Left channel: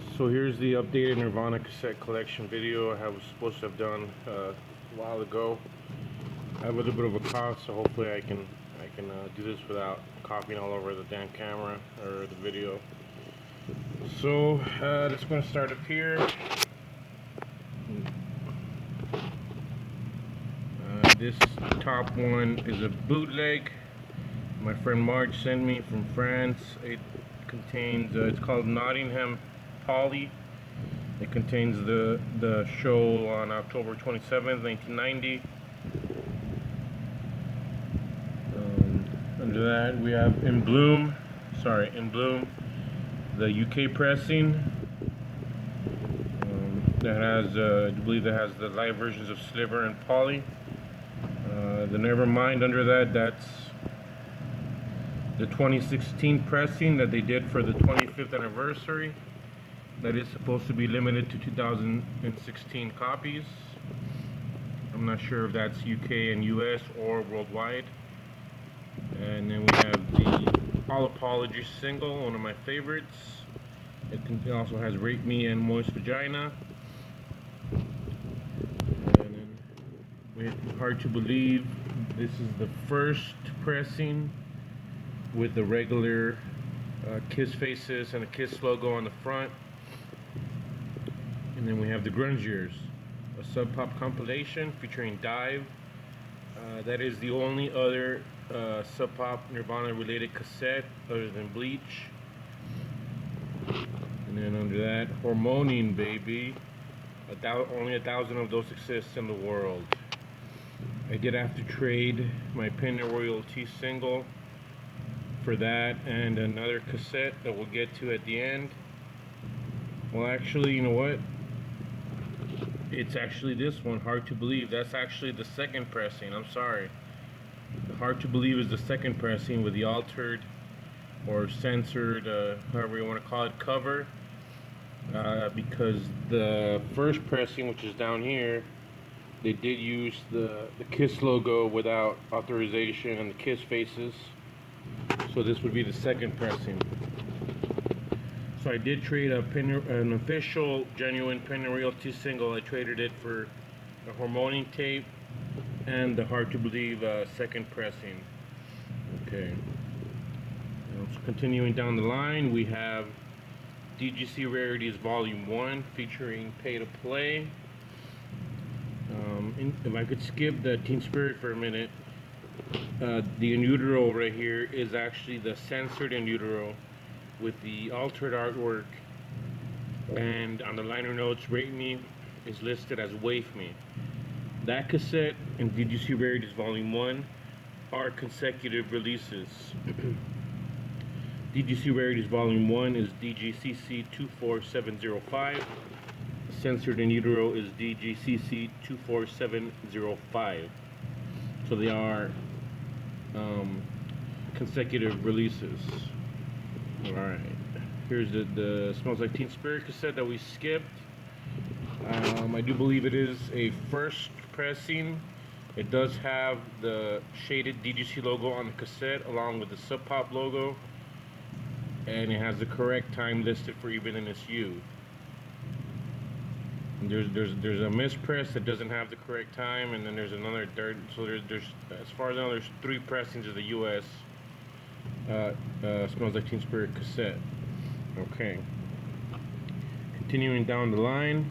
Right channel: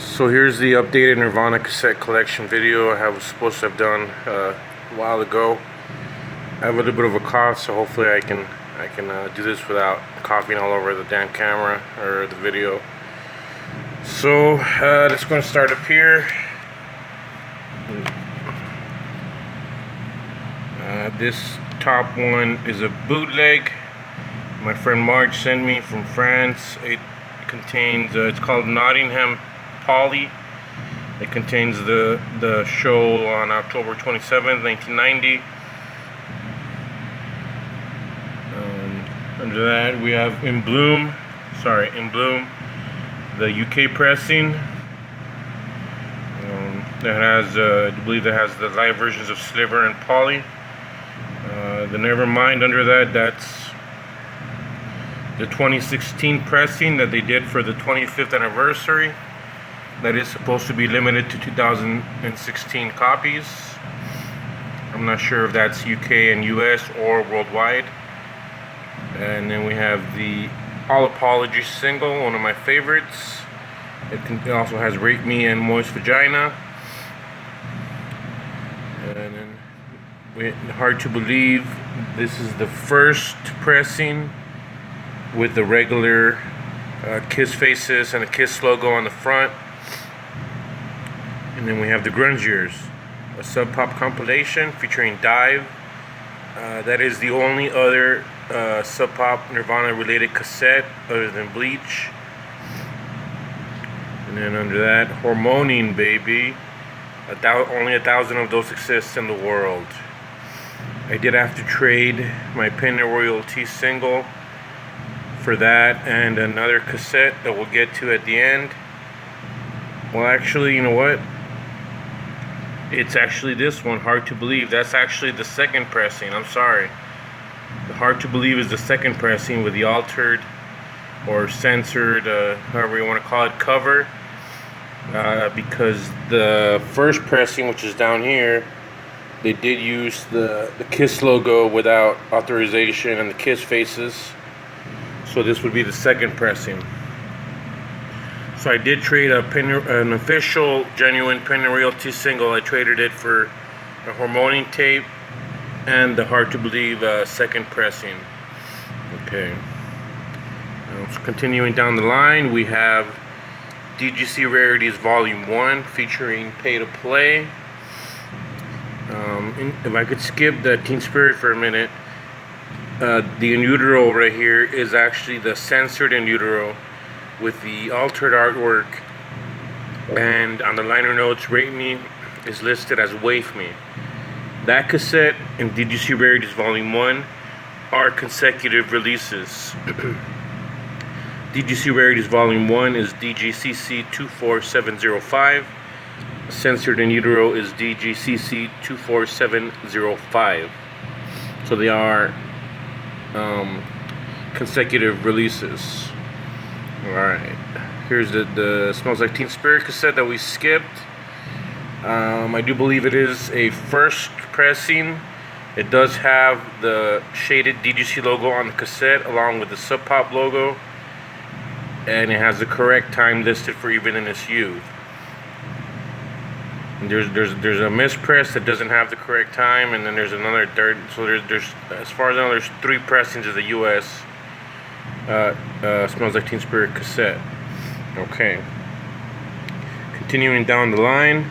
So here's the updated Nirvana cassette collection video I was supposed to have done a while ago. I have a little bit of a cough, so hopefully I can do this without coughing all over the damn camera or the video. So let's go and start up here. This top one is a bootleg my friend Marge sent me from France. It contains it's called Nottingham Polly. It contains the show on October 27th, 1990. Under that we have In Bloom, the UK pressing. That has, I believe that has the live versions of Sliver and Polly. The Nevermind under that's the 2016 pressing that they did for the 25th anniversary. That is supposed to be limited to 2016 copies. I'm not sure if that's UK and US or worldwide. And then we have the All Apologies single, one of my favorites. It also has Rape Me and Moist Vagina. And then Hard to Believe, this is the first pressing with the regular Kiss faces and a Kiss logo on the front. And then we have the Grunge Years, a Sub Pop compilation featuring Dive. That is the only other Sub Pop Nirvana related cassette other than Bleach. And then under that, Hormoning Baby. Only 1,000 of those exist in the world. I did have to trade my Penny Royalty single for that and another cassette that we'll get to at the end. Well, actually, you know what? It's actually this one, Hard to Believe. That's actually the second pressing. I'm sorry. The Hard to Believe is the second pressing with the altered or censored, however you want to call it, cover. Because the first pressing, which is down here, they did use the Kiss logo without authorization and the Kiss faces. So this would be the second pressing. So I did trade an official, genuine Penny Royalty single. I traded it for a Hormoning tape and the Hard to Believe second pressing. Okay. So continuing down the line, we have DGC Rarities Volume 1 featuring Pay to Play. If I could skip the Teen Spirit for a minute, the In Utero right here is actually the censored In Utero with the altered artwork, and on the liner notes, Rate Me is listed as Wave Me. That cassette and DGC Rarities Volume 1 are consecutive releases. DGC Rarities Volume 1 is DGCC 24705. Censored In Utero is DGCC 24705. So they are consecutive releases. Alright. Here's the Smells Like Teen Spirit cassette that we skipped. I do believe it is a first pressing. It does have the shaded DGC logo on the cassette along with the Sub Pop logo. And it has the correct time listed for Even in Its Youth. And there's a mispress that doesn't have the correct time, and then there's another dirt. So there's as far as I know, there's 3 pressings of the U.S. Smells Like Teen Spirit cassette. Okay. Continuing down the line,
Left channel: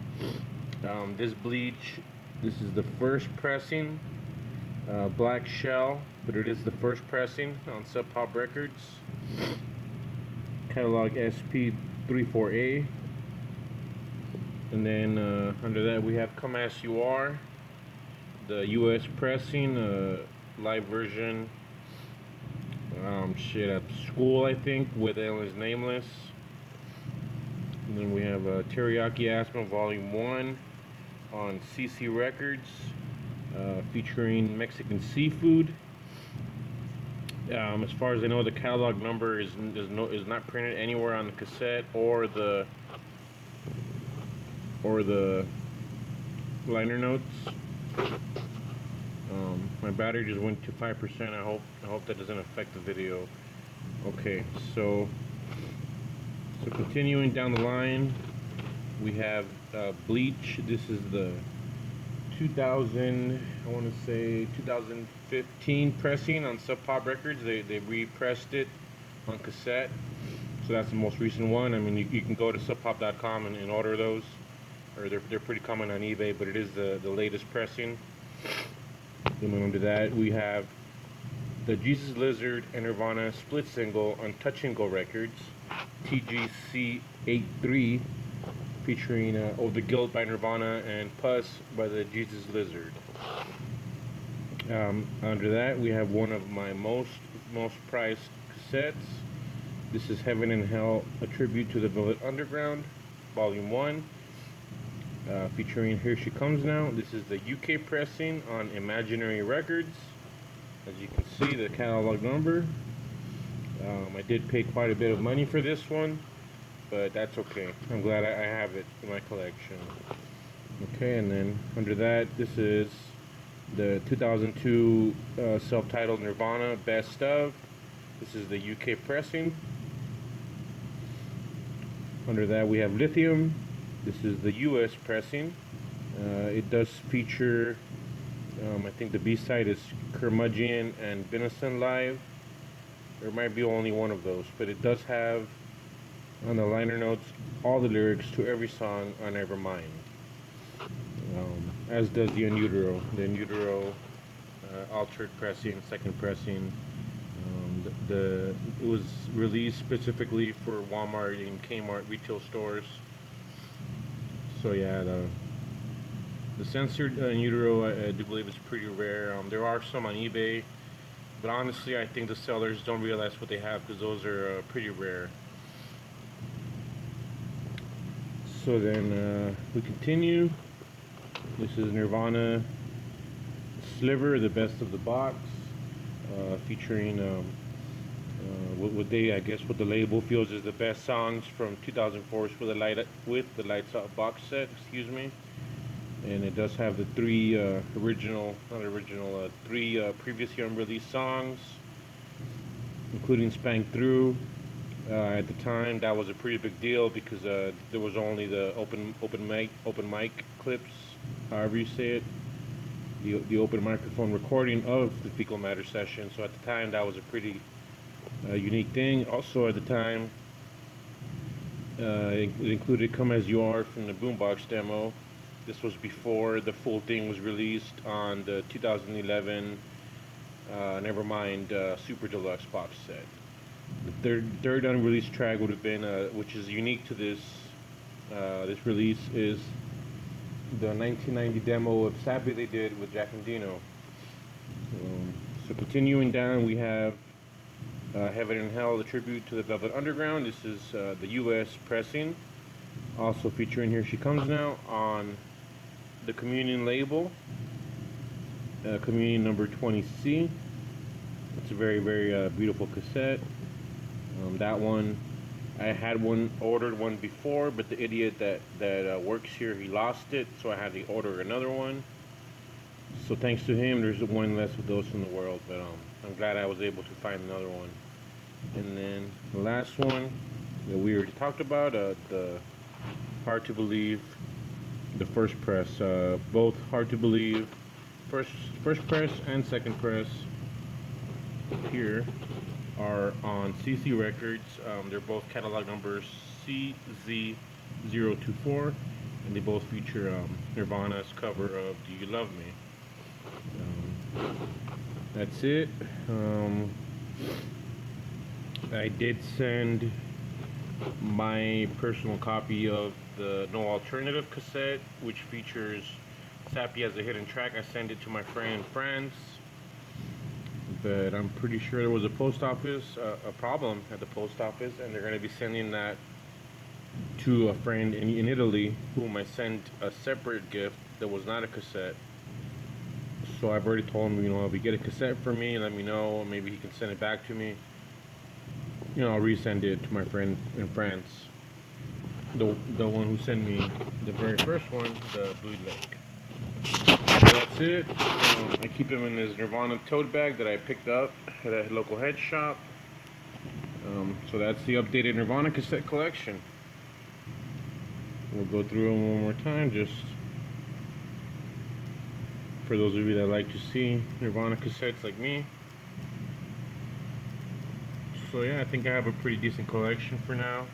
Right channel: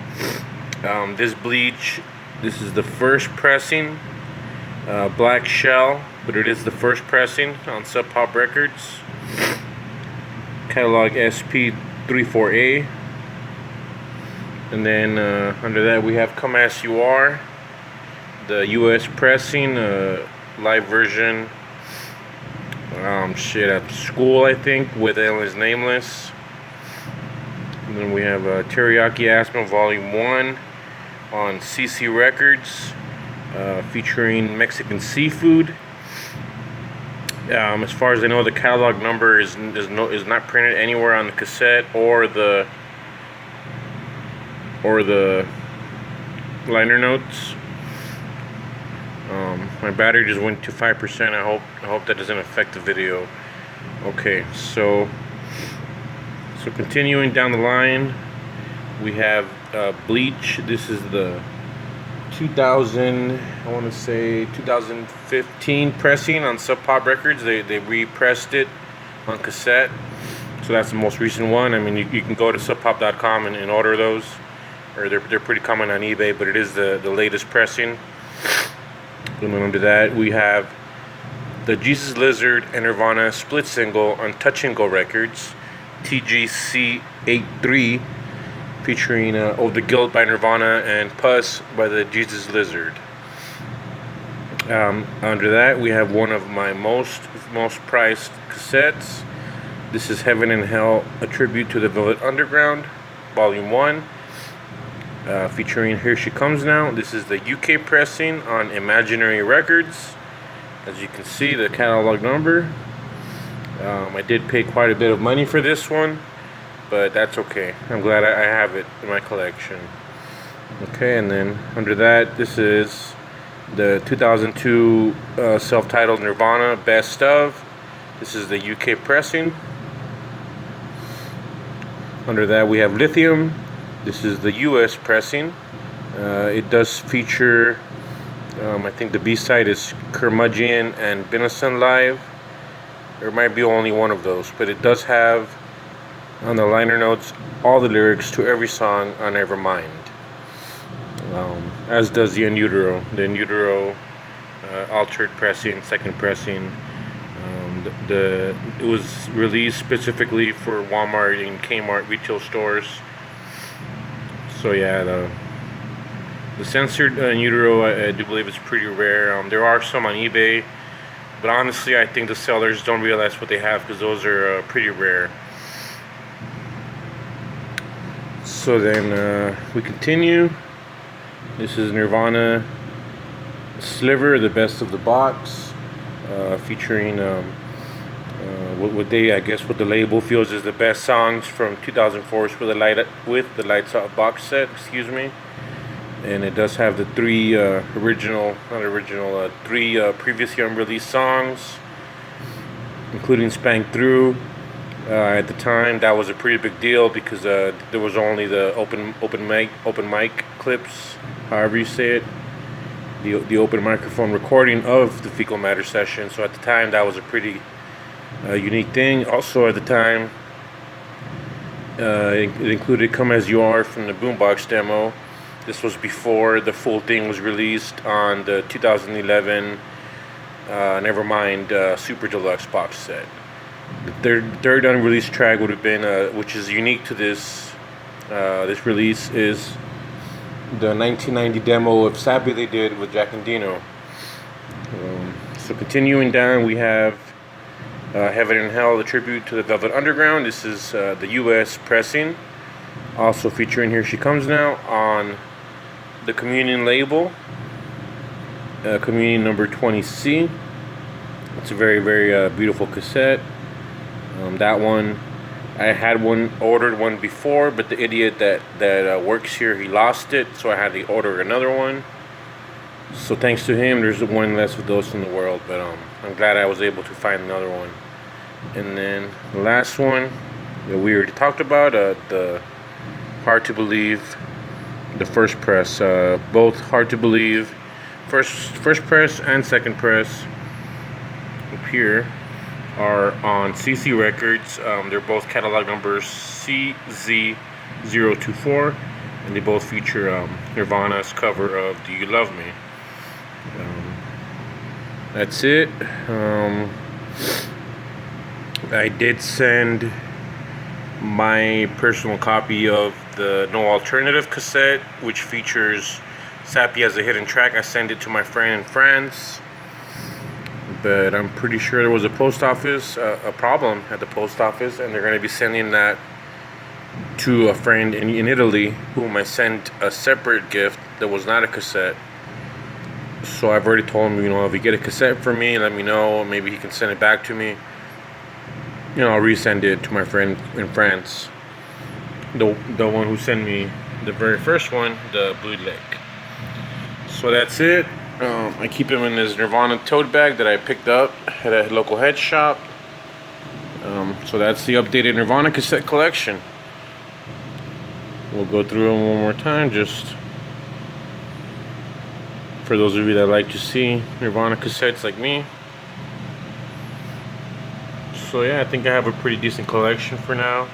this Bleach. This is the first pressing, Black Shell, but it is the first pressing on Sub Pop Records. Catalog SP34A. And then under that we have Come As You Are, the US pressing, live version, at school, I think, with Ellen Nameless. And then we have Teriyaki Asthma Volume 1 on CC Records, featuring Mexican Seafood. As far as I know, the catalog number is not printed anywhere on the cassette or the liner notes. My battery just went to 5%. I hope that doesn't affect the video. Okay, so continuing down the line, We have Bleach. This is the 2000, I want to say 2015 pressing on Sub Pop Records. They repressed it on cassette. So that's the most recent one. I mean, you can go to subpop.com and order those, or they're pretty common on eBay, but it is the latest pressing. And then under that, we have the Jesus Lizard and Nirvana split single on Touch and Go Records, TGC 83, featuring Oh the Guilt by Nirvana and Puss by the Jesus Lizard. Under that, we have one of my most prized cassettes. This is Heaven and Hell, a tribute to the Velvet Underground, Volume 1, featuring Here She Comes Now. This is the UK pressing on Imaginary Records. As you can see, the catalog number. I did pay quite a bit of money for this one, but that's okay. I'm glad I have it in my collection. Okay, and then under that, this is the 2002 self-titled Nirvana Best Of. This is the UK pressing. Under that, we have Lithium. This is the US pressing. It does feature, I think the B-side is Curmudgeon and Benison Live. There might be only one of those, but it does have on the liner notes all the lyrics to every song on Nevermind. As does the In Utero. The In Utero altered pressing, second pressing. It was released specifically for Walmart and Kmart retail stores. So yeah, the censored In Utero, I do believe it's pretty rare. There are some on eBay, but honestly, I think the sellers don't realize what they have because those are pretty rare. So then we continue. This is Nirvana Sliver, the best of the box, featuring what the label feels is the best songs from 2004's with the Lights Out box set. Excuse me. And it does have the three three previously unreleased songs, including Spank Through. At the time, that was a pretty big deal because there was only the open mic clips, however you say it, the open microphone recording of the Fecal Matter session. So at the time, that was a pretty unique thing. Also at the time, it included Come As You Are from the Boombox demo. This was before the full thing was released on the 2011 Nevermind Super Deluxe box set. The third unreleased track would have been, which is unique to this release, is the 1990 demo of Sappy they did with Jack and Dino. So continuing down, we have Heaven and Hell, a tribute to the Velvet Underground. This is the US pressing, also featuring Here She Comes Now on the Communion label, Communion number 20C. It's a very, very beautiful cassette. That one, I had ordered one before, but the idiot that works here, he lost it, so I had to order another one. So thanks to him, there's one less of those in the world, but I'm glad I was able to find another one. And then the last one that we already talked about, the Hard to Believe, the first press, both Hard to Believe, first press and second press up here are on CC Records. They're both catalog numbers CZ024, and they both feature Nirvana's cover of Do You Love Me. That's it. I did send my personal copy of the No Alternative cassette, which features Sappy as a hidden track. I sent it to my friend in France, but I'm pretty sure there was a problem at the post office, and they're going to be sending that to a friend in Italy, whom I sent a separate gift that was not a cassette. So I've already told him, if you get a cassette for me, let me know. Maybe he can send it back to me. I'll resend it to my friend in France. The one who sent me the very first one, the bootleg. So that's it. I keep them in this Nirvana tote bag that I picked up at a local head shop. So that's the updated Nirvana cassette collection. We'll go through them one more time, just for those of you that like to see Nirvana cassettes like me. So yeah, I think I have a pretty decent collection for now.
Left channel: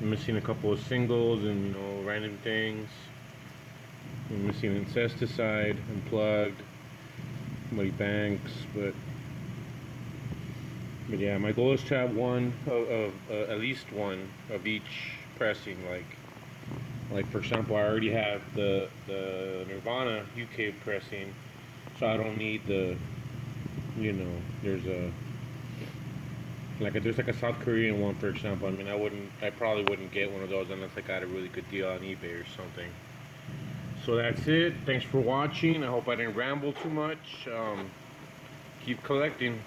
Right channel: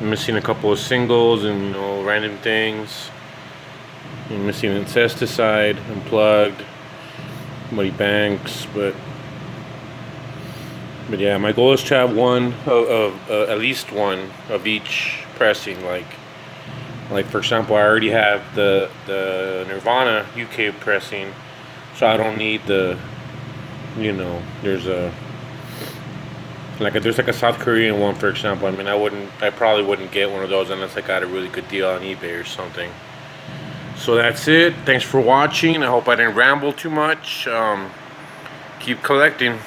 I'm missing a couple of singles and, you know, random things. I'm missing Incesticide, Unplugged, Muddy Banks, but yeah, my goal is to have one of at least one of each pressing. Like for example, I already have the Nirvana UK pressing, so I don't need the, you know, there's a South Korean one, for example. I mean, I probably wouldn't get one of those unless I got a really good deal on eBay or something. So that's it. Thanks for watching. I hope I didn't ramble too much. Keep collecting.